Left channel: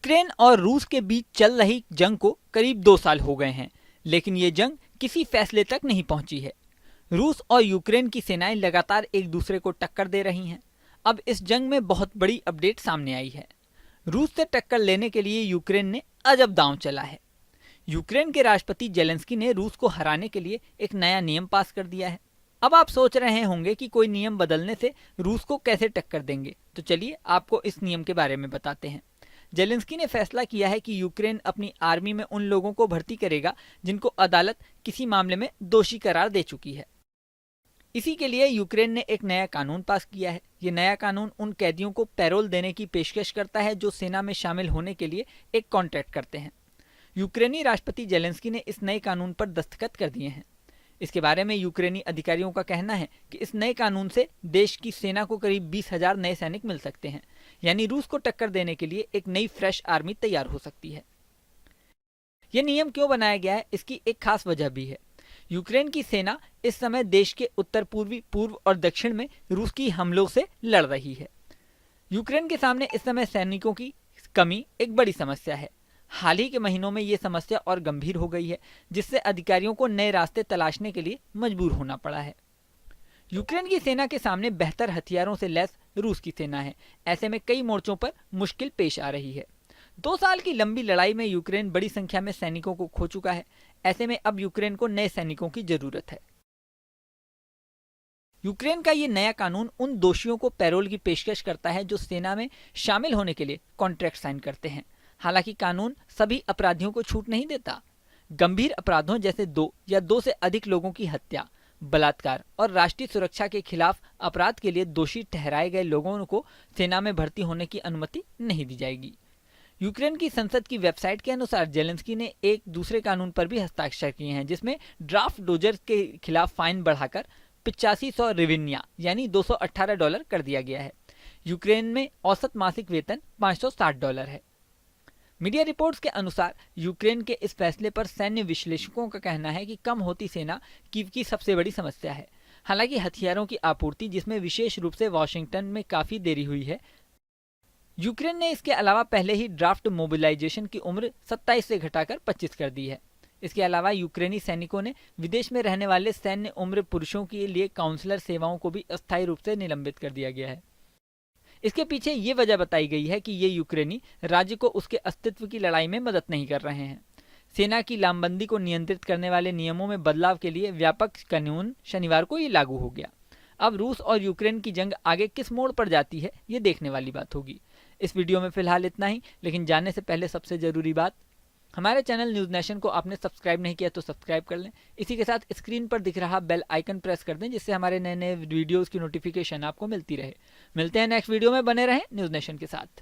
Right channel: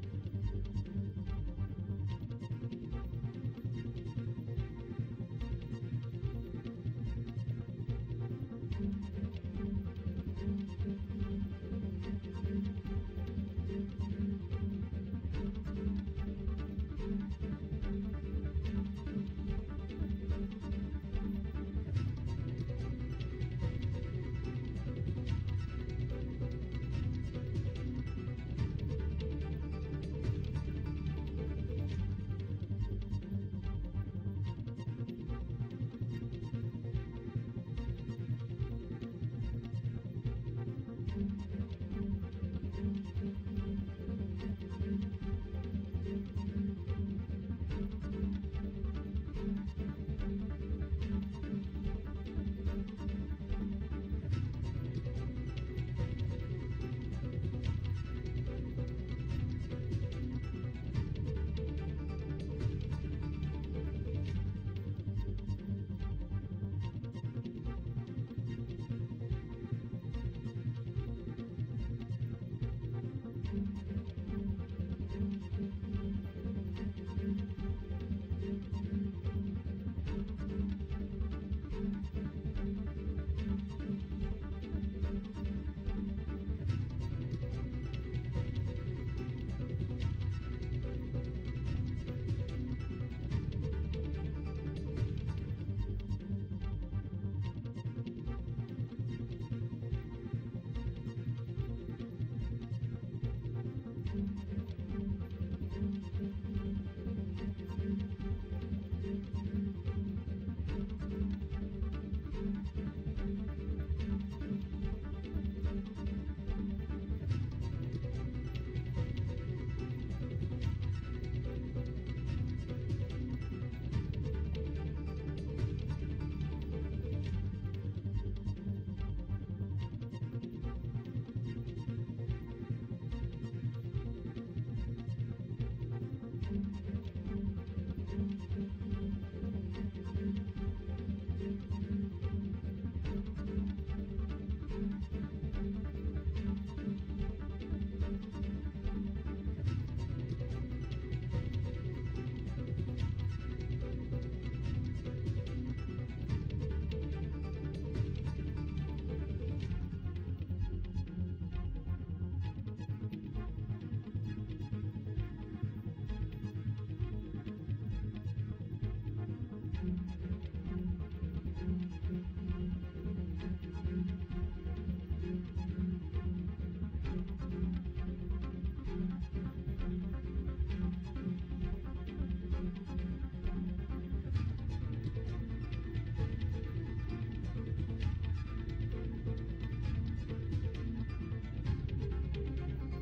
Ukraine और रूस के बीच चल रही जंग को करीब 2 साल हो गए हैं, लेकिन ये जंग किसी फैसले तक नहीं पहुंची है। रूस और यूक्रेन की सेनाएं लगातार एक दूसरे को टक्कर दे रही हैं। अब इस जंग में बहुत बड़ी अपडेट सामने आई है। रूस से टक्कर लेने के लिए यूक्रेन ने अजब दांव चला है। यूक्रेन के राष्ट्रपति जेलेंस्की ने रूस को हराने के लिए एक नया नियम पास कर दिया है। अब आप सोच रहे होंगे कि कोई नियम बदलने से रूस को कैसे टक्कर देंगे, तो चलिए आपको इस नियम के बारे में बताते हैं। जेलेंस्की ने फैसला किया है कि यूक्रेन अपनी आर्मी में उन लोगों को भर्ती करेगा जिनको अदालत किसी मामले में दोषी करार दे चुकी है। इसी के लिए यूक्रेन ने एक नया कानून पास किया है। ये नया कानून उन कैदियों को पैरोल देने की पेशकश करता है जो सेना में शामिल होने के लिए एक कॉन्ट्रैक्ट करते हैं। यूक्रेनी राष्ट्रपति जेलेंस्की ने इस नए कानून पर दस्तखत कर दिए हैं। इसके बारे में यूक्रेनी अधिकारियों का कहना है कि इस नए कानून से देश की सेना को करीब 20,000 नए सैनिक मिल सकते हैं, यानी रूस को टक्कर देने के लिए एक नई फ्रेश आर्मी तैयार हो सकती है। ये नियम क्यों बनाया गया है, इसकी एक खास वजह भी है। यूक्रेन की सेना इस समय देश के उत्तर पूर्वी, पूर्व और दक्षिण में रूस की हमलों से लड़ रही है। यूक्रेन के सामने इस समय सैनिकों की कमी एक बड़ी समस्या है। हाल ही के महीनों में ये समस्या और गंभीर हो गई है, जिससे अधिकारियों को नए रास्ते तलाशने के लिए मजबूर होना पड़ा है। यूक्रेन की सेना के सामने बेहतर हथियारों से लैस रूस की सेना है। ऐसे में कई मोर्चों पर मुश्किल पेश आ रही है। 2 साल की लंबी लड़ाई में यूक्रेन बड़ी संख्या में सैनिकों को खो चुका है। ऐसे में अब यूक्रेन को नए सैनिकों की जरूरत है। यूक्रेन का ये नया कानून उन दोषियों को पैरोल की पेशकश करता है जो सेना में शामिल होने के लिए कॉन्ट्रैक्ट साइन करते हैं। हालांकि कानून सभी अपराधियों को छूट नहीं देता। गंभीर अपराधों जैसे 2 या 2 से अधिक लोगों की हत्या, बलात्कार और राष्ट्रीय सुरक्षा के खिलाफ अपराध के लिए दोषी ठहराए गए लोगों को सेना में भर्ती होने की अनुमति नहीं दी जाएगी। यूक्रेन की संसद की वेबसाइट के अनुसार जेलेंस्की ने एक दूसरे कानून पर भी हस्ताक्षर किए हैं, जिसमें ड्राफ्ट डोजर के खिलाफ फाइन बढ़ाकर 8500 रिविन्या यानी $218 कर दिया गया है। यूक्रेन में औसत मासिक वेतन $560 है। मीडिया रिपोर्ट्स के अनुसार यूक्रेन के इस फैसले पर सैन्य विश्लेषकों का कहना है कि कम होती सेना कीव की सबसे बड़ी समस्या है। हालांकि हथियारों की आपूर्ति, जिसमें विशेष रूप से वॉशिंगटन में काफी देरी हुई है। यूक्रेन ने इसके अलावा पहले ही ड्राफ्ट मोबिलाइजेशन की उम्र 27 से घटाकर 25 कर दी है। इसके अलावा यूक्रेनी सैनिकों ने विदेश में रहने वाले सैन्य उम्र पुरुषों के लिए काउंसलर सेवाओं को भी अस्थायी रूप से निलंबित कर दिया गया है। इसके पीछे ये वजह बताई गई है कि ये यूक्रेनी राज्य को उसके अस्तित्व की लड़ाई में मदद नहीं कर रहे हैं। सेना की लामबंदी को नियंत्रित करने वाले नियमों में बदलाव के लिए व्यापक कानून शनिवार को ये लागू हो गया। अब रूस और यूक्रेन की जंग आगे किस मोड़ पर जाती है, ये देखने वाली बात होगी। इस वीडियो में फिलहाल इतना ही, लेकिन जाने से पहले सबसे जरूरी बात, हमारे चैनल न्यूज़ नेशन को आपने सब्सक्राइब नहीं किया तो सब्सक्राइब कर लें। इसी के साथ स्क्रीन पर दिख रहा बेल आइकन प्रेस कर दें, जिससे हमारे नए नए वीडियोस की नोटिफिकेशन आपको मिलती रहे। मिलते हैं नेक्स्ट वीडियो में, बने रहें न्यूज़ नेशन के साथ।